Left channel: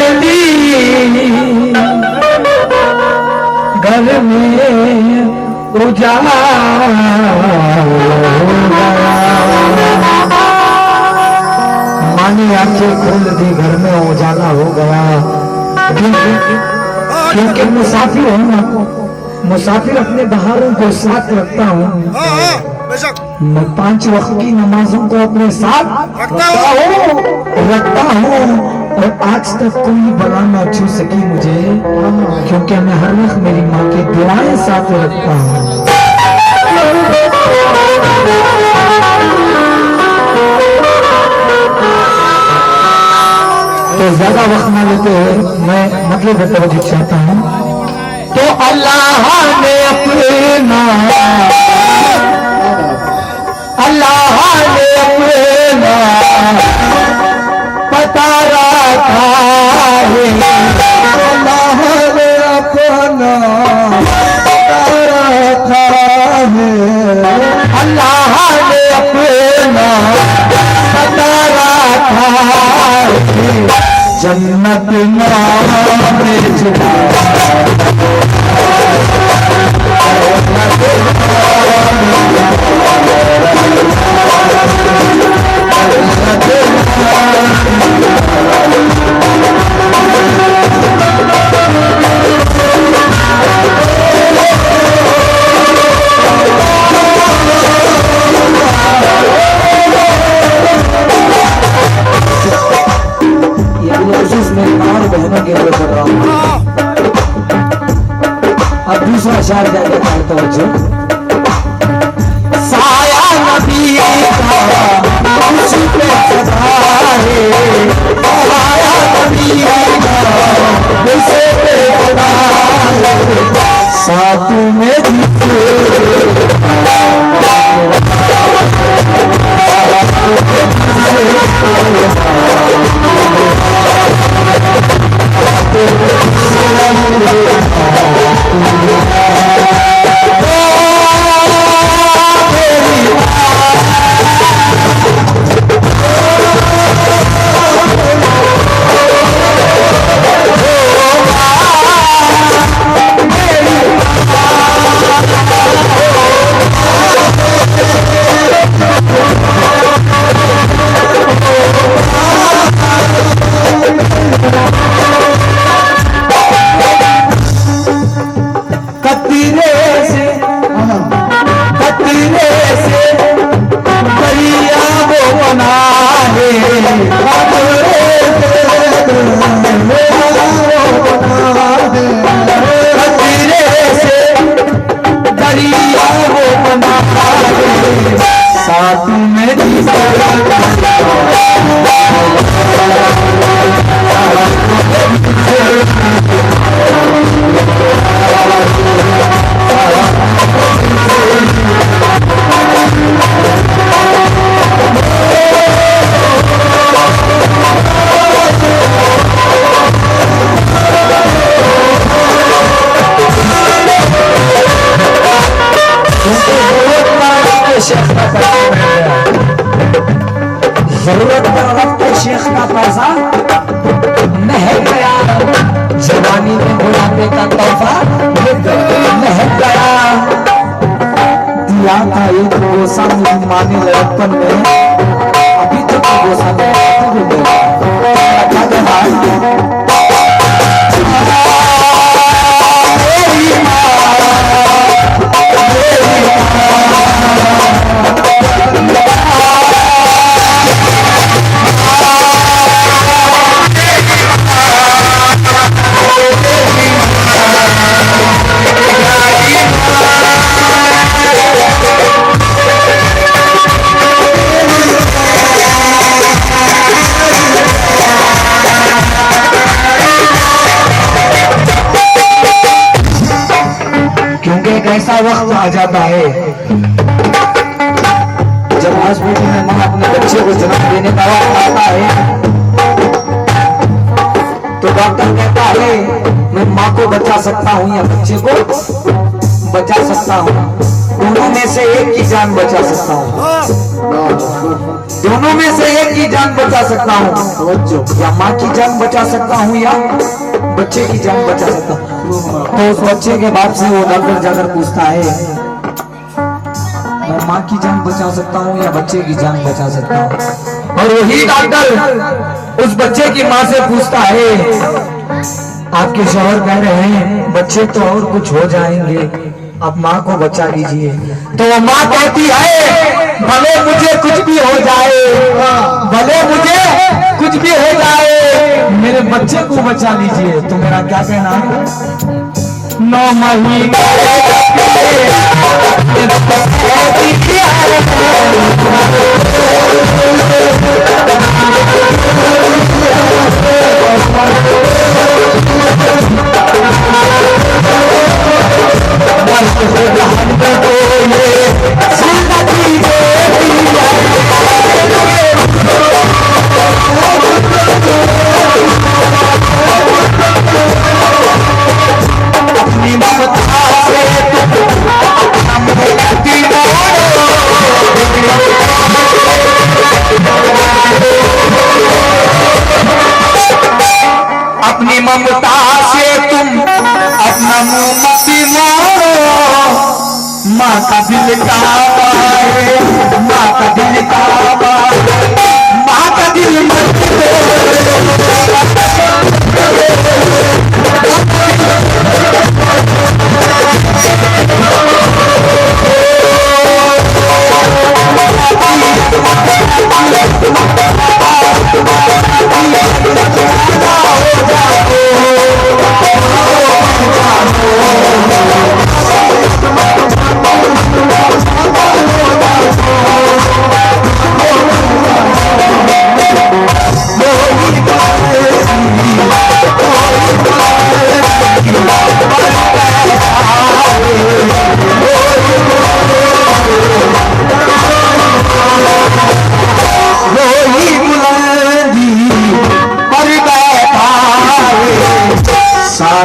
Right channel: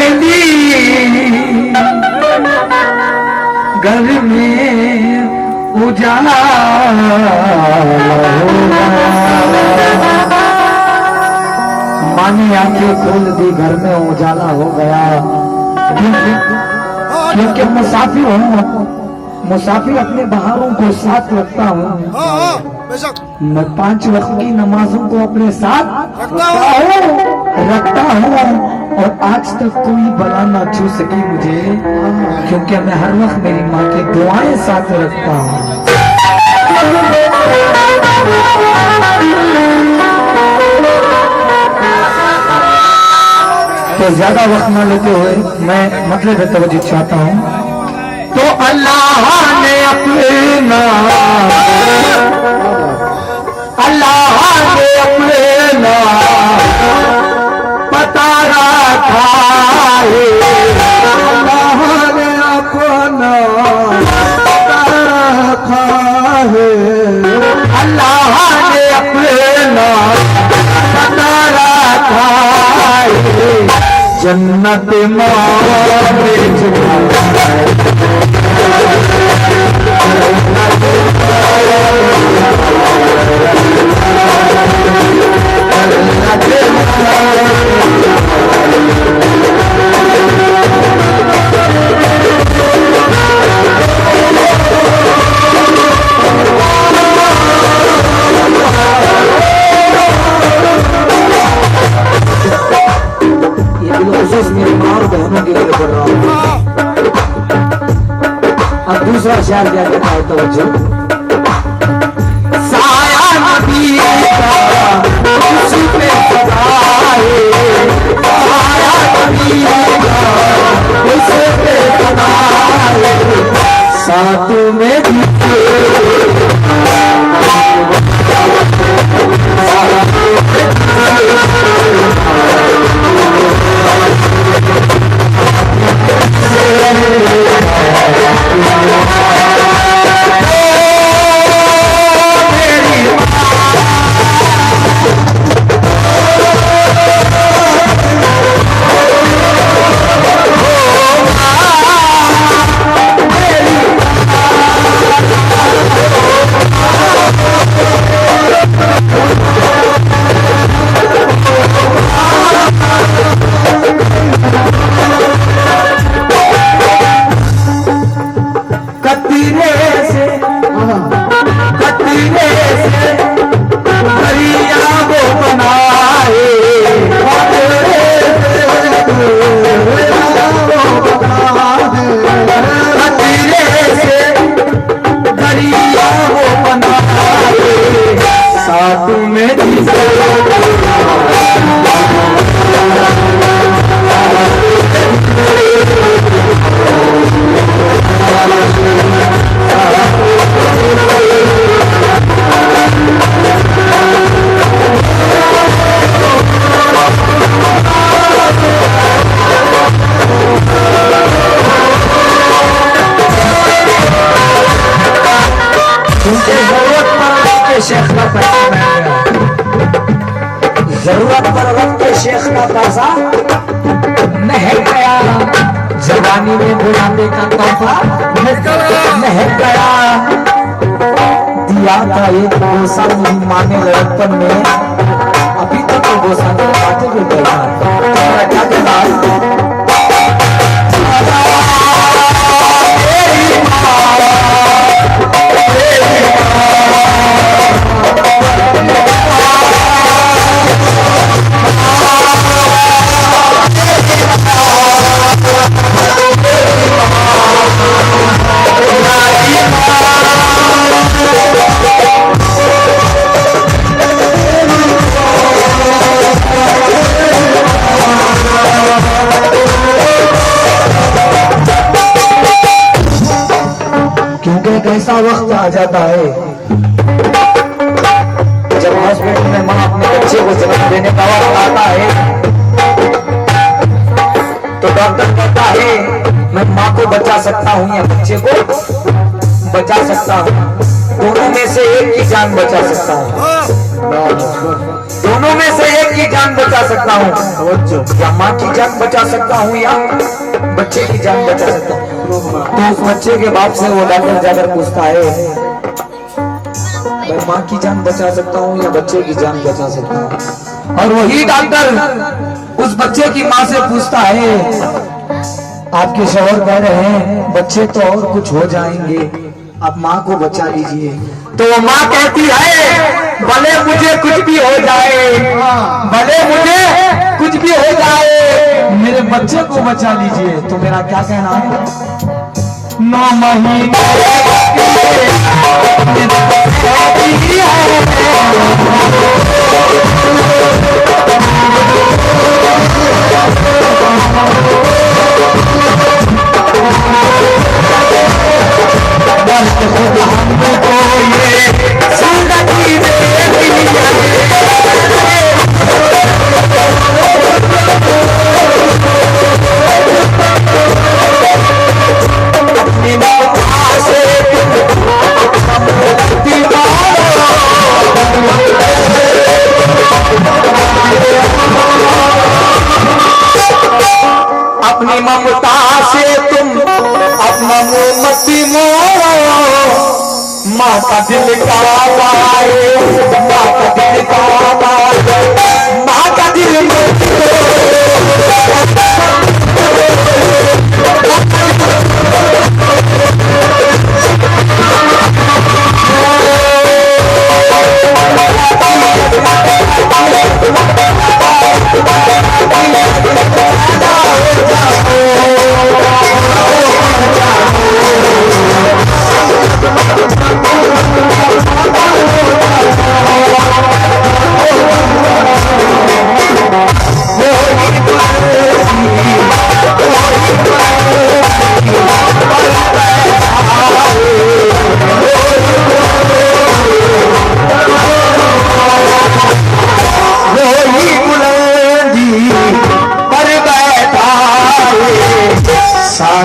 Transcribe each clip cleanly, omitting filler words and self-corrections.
जल्दी घर में उजाला मानी आंखें खोल दी, घर में उजाला हो गया। क्योंकि मुसाफिर हूँ, मुसाफिर अपने बहारों को साथ रखता हूँ। मैं 5 वक्त की नमाजों को अपने साथ रखता हूँ और आज तक कोई बला ना छू सकी मुझे, क्योंकि मैं हर वक्त मेरी माँ की दुआएं साथ रखता हूँ। तो ज्यादा वक्त ना लेते हुए मैं मतलब तवज्जो चाहता हूँ। तो अल्लाह ने अपना पता रखा है, अल्लाह ने अपना पता रखा है, अल्लाह ने अपना पता रखा है। जन्नत में अब दूसरा शहर जाकर तो साया नबी का उसी पे सदा है, साया नबी का उसी पे सदा है, साथ में जरूरत पर वक्त शेख का पैसा महक गया, जवानी में बुढ़ापे का तोहफा महक गया। दिया था एक गोसा मेरी माँ ने लड़कपन में, अभी तक तो गोसा ऐसा वक्त आ जाता है जब हॉस्पिटल में मां अपने बच्चे को जन्म देने का वक्त आता है, तो डॉक्टर कहता है मैं मां को बचा सकता हूं या बच्चे को बचा सकता हूं, दोनों में से एक की जान बचा सकता हूं, दोनों में से एक की की जान बचा सकता हूँ, या माँ की जान बचा सकता हूँ, या बच्चे की जान बचा सकता हूँ। तो उस बच्चे के बाप से वो डॉक्टर जाकर पूछता है, मैं माँ की जान बचा सकता हूँ या बच्चे की जान बचा सकता हूँ? और वही डॉक्टर उस बच्चे की माँ से पूछता है, आपके शौहर कह रहे हैं बच्चे तो और कुछ हो जाएंगे, आप माँ को बचा लीजिए। तो माँ कहती है, भले मुझे कुछ भी हो जाए, भले मुझे कुछ भी हो जाए, मेरे बच्चे को बचा लीजिए। तो मेरा क्या कहना है, 9 महीने अपनी ममता से तुम अपना मुंह मत मोड़ो, माँ का दिल का पाए, माँ का दिल का पाए, माँ का दिल मत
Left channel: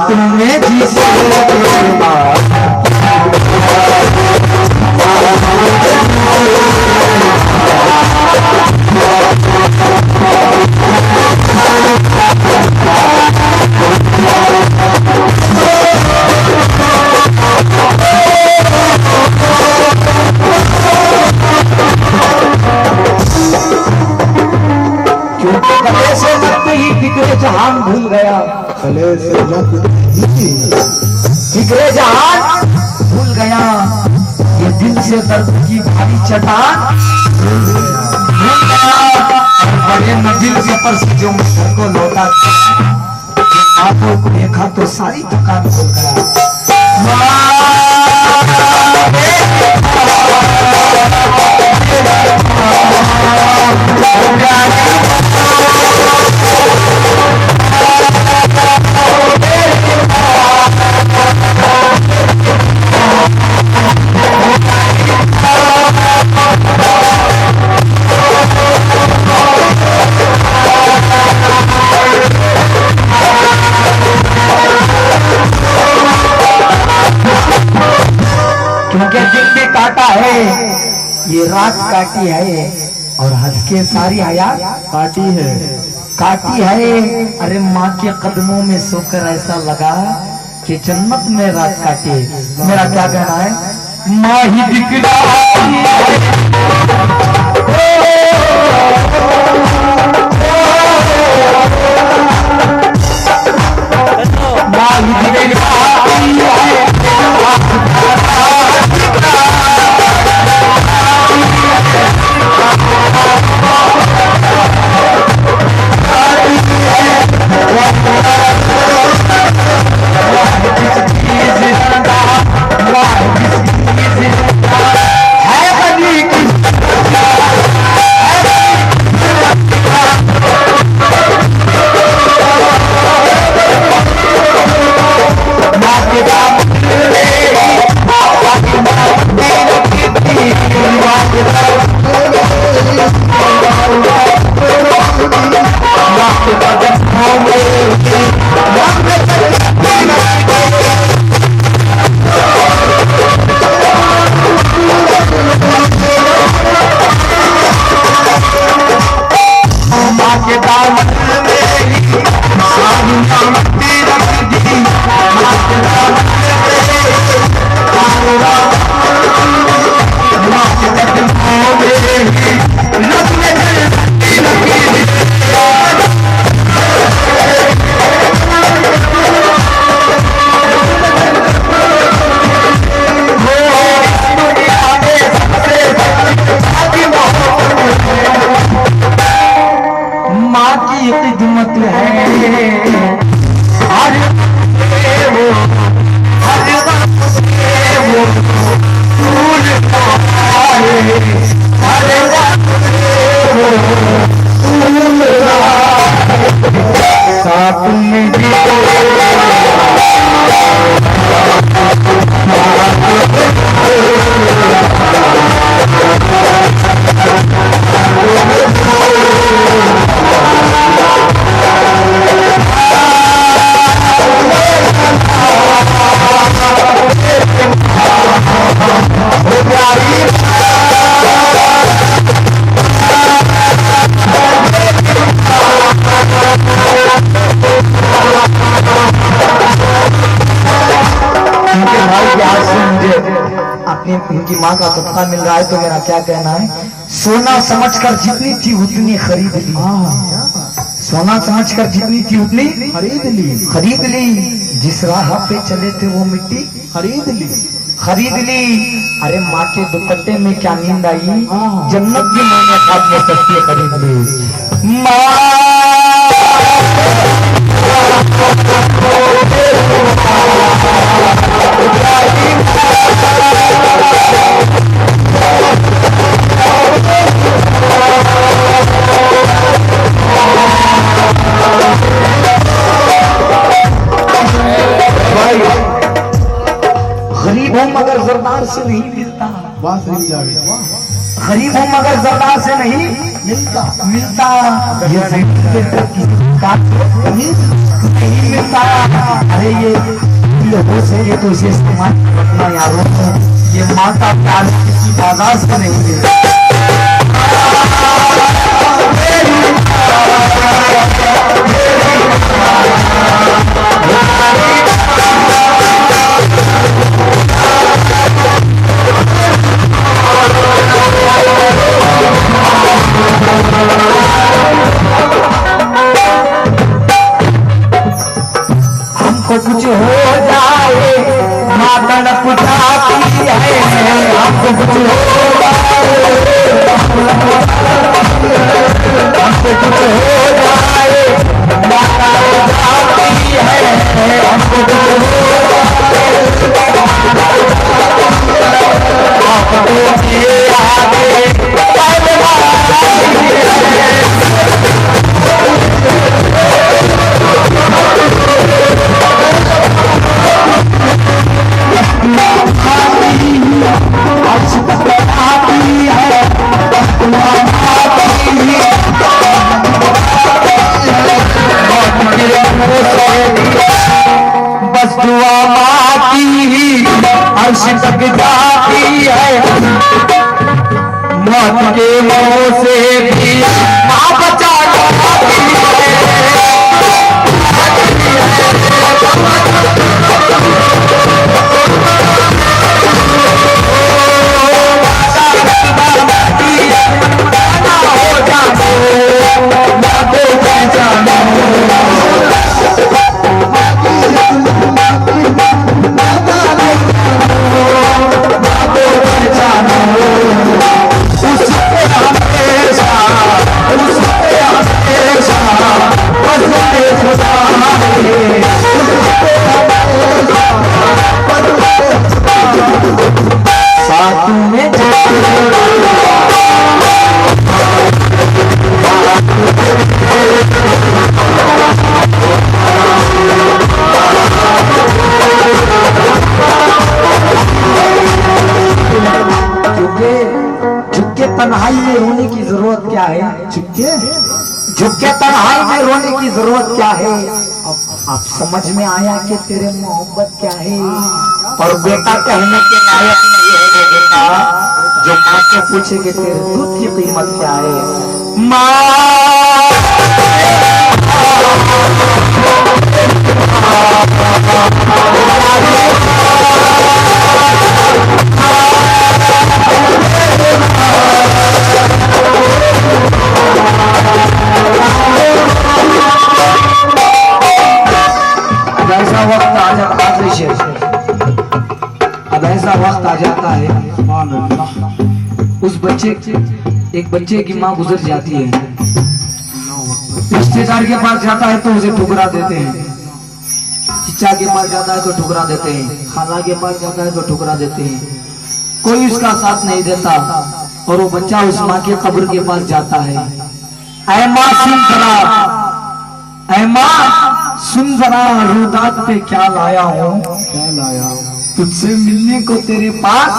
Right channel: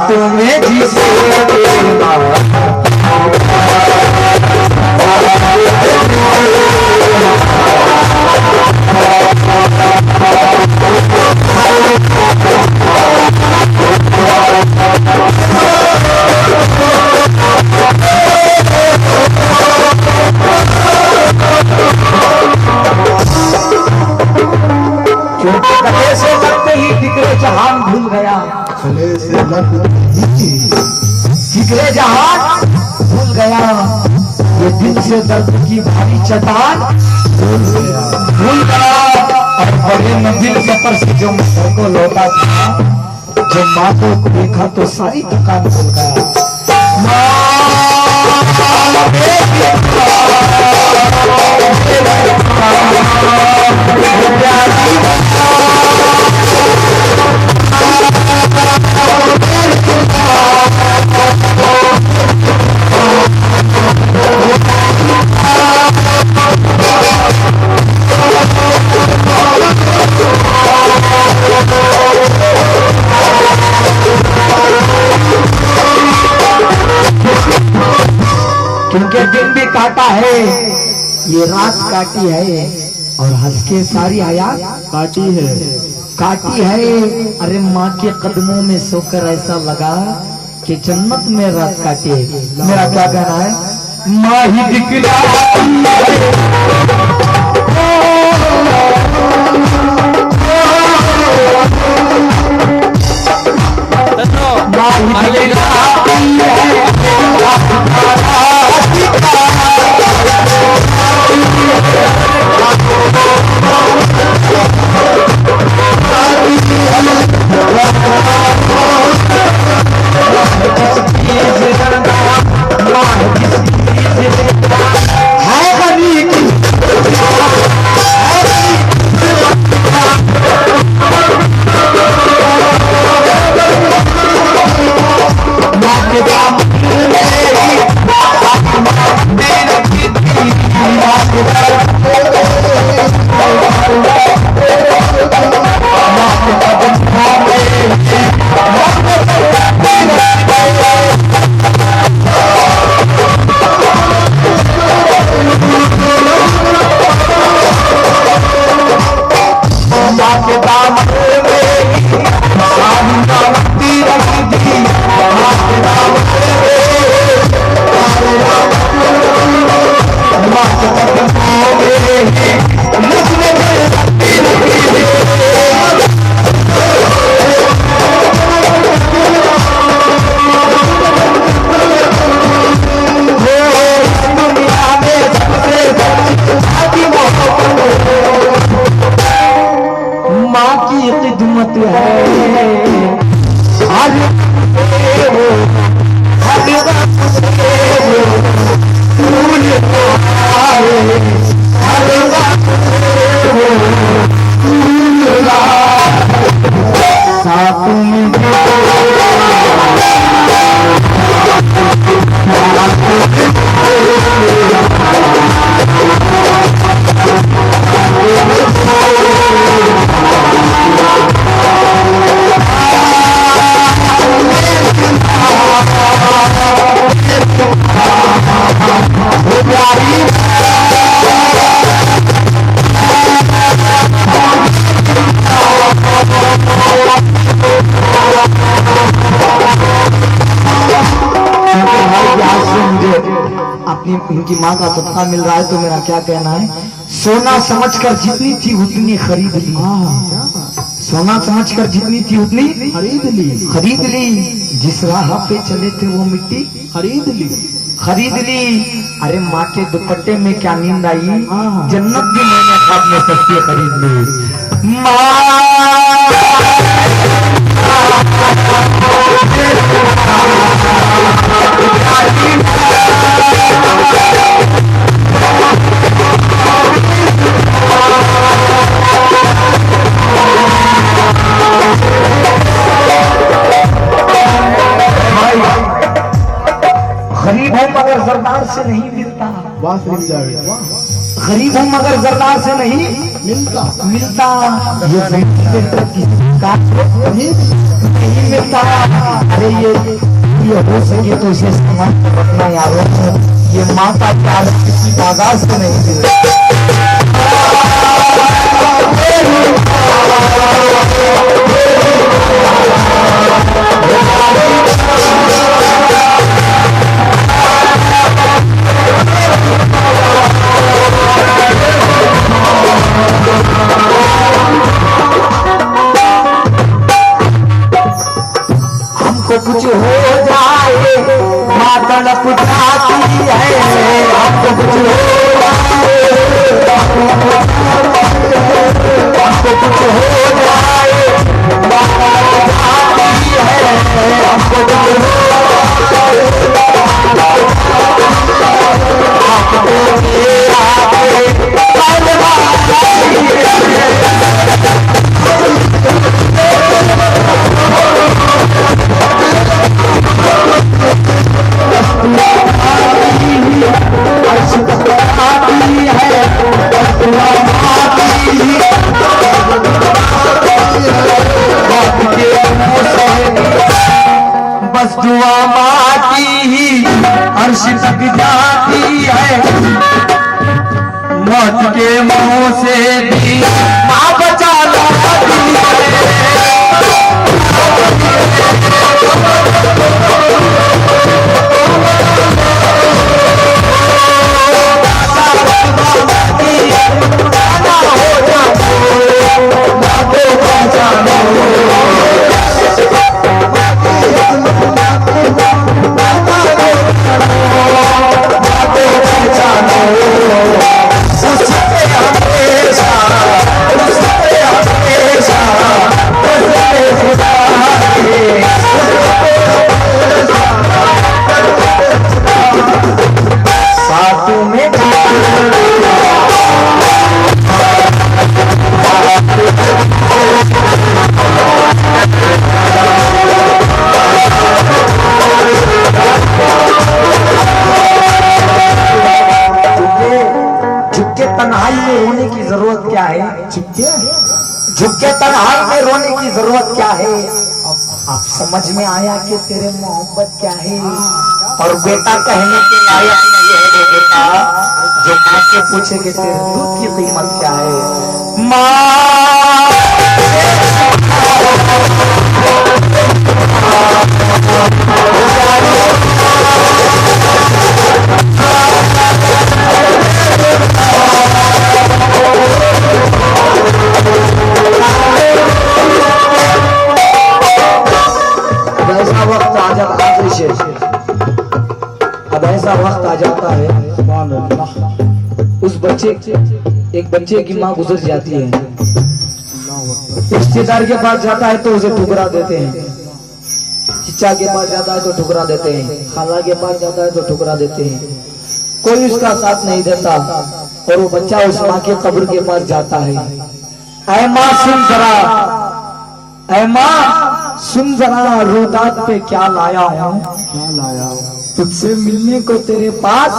तुम्हें जिसे गले से लगते ही बिगड़े जहान भूल गया, गले से बिगड़े जहान भूल गया, ये दिल से दर्द की भारी चट्टान भूल गया। और गले में दिल के पर से जो माँ को लौटा था, जो माँ को देखा तो सारी थकान भूल गया। क्योंकि दिन भी काटा है, ये रात काटी है, और हंस के सारी हयात काटी है, काटी है। अरे माँ के कदमों में सोकर ऐसा लगा कि जन्नत में रात काटी है। मेरा क्या कहना है, माँ ही दिखलाती है, माँ ही दिखलाती है, है बनी की अपनी इनकी माँ का कुत्ता मिल रहा है तो मेरा क्या कहना है, सोना समझकर जितनी थी उतनी खरीद ली। सोना समझकर जितनी थी उतनी खरीद ली। जिस राह पे चले थे वो मिट्टी खरीद ली। अरे माँ के दुपट्टे में क्या नींद आई, जन्नत भी मैंने खाद में सस्ती खरीद ली। गरीब हूँ मगर सरदार से नहीं मिलता, गरीब हूँ मगर सरदार से नहीं मिलता। ये नहीं मिलता। अरे ये हो सके तो इसे इस्तेमाल करना यारों, ये माता प्यार किसी बाजार से नहीं मिलता। हमको कुछ हो जाए माता न पुछाती है, हमको कुछ हो जाए, हमको कुछ हो जाए माता न पुछाती है, हमको कुछ बस दुआ माती ही अर्श तक जाती है, मौत के मुंह से भी ना बचा लाती है। तन्हाई में रोने की जरूरत क्या है, झुके तन्हाई में रोने की जरूरत क्या है। अब समझ में आया कि तेरे मोहब्बत क्या है। और बेटा कहने के लायक नहीं है वो बेटा जो माँ से पूछे कि तेरे दूध की कीमत क्या है। माँ अब ऐसा वक्त आ जाता है, उस एक बच्चे की माँ गुजर जाती है, रिश्तेदार के पास जाता है तो उसे ठुकरा देते हैं, चिच्चा के पास जाता है तो ठुकरा देते हैं, खाला के पास जाता है तो ठुकरा देते हैं, कोई उसका साथ नहीं देता। और वो बच्चा उस माँ के कब्र के पास जाता है। ऐ माँ सुन जरा, ऐ माँ सुन जरा, रोदात पे क्या लाया हूँ, तुझसे मिलने को तेरे पास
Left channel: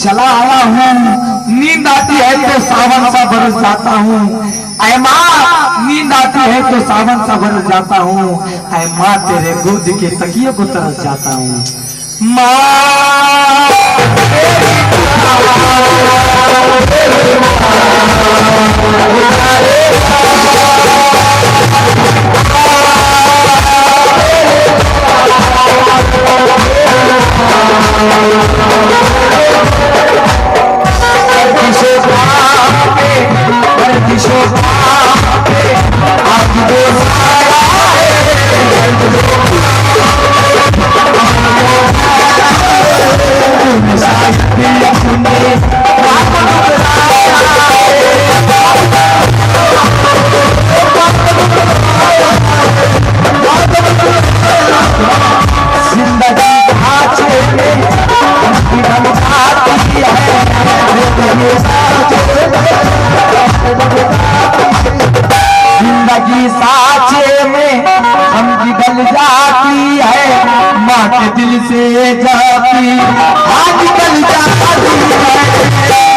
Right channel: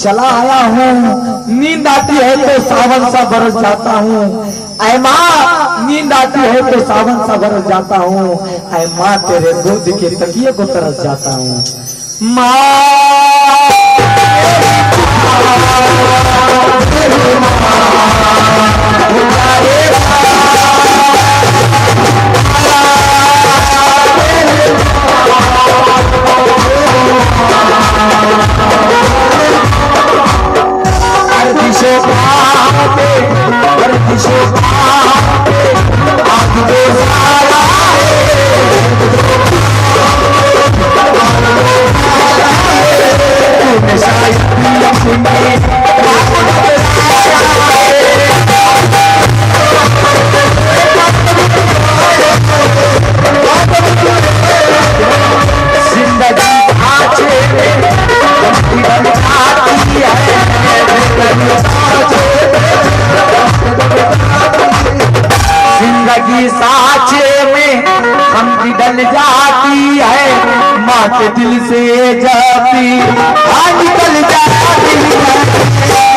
चला आया हूँ। नींद आती है तो सावन सा बरस जाता हूँ, ऐ माँ नींद आती है तो सावन सा बरस जाता हूँ, ऐ माँ तेरे गोद के तकिए को तरस जाता हूँ। माँ निकल जाती है, माँ के दिल से जाती, हाँ निकल जाती है।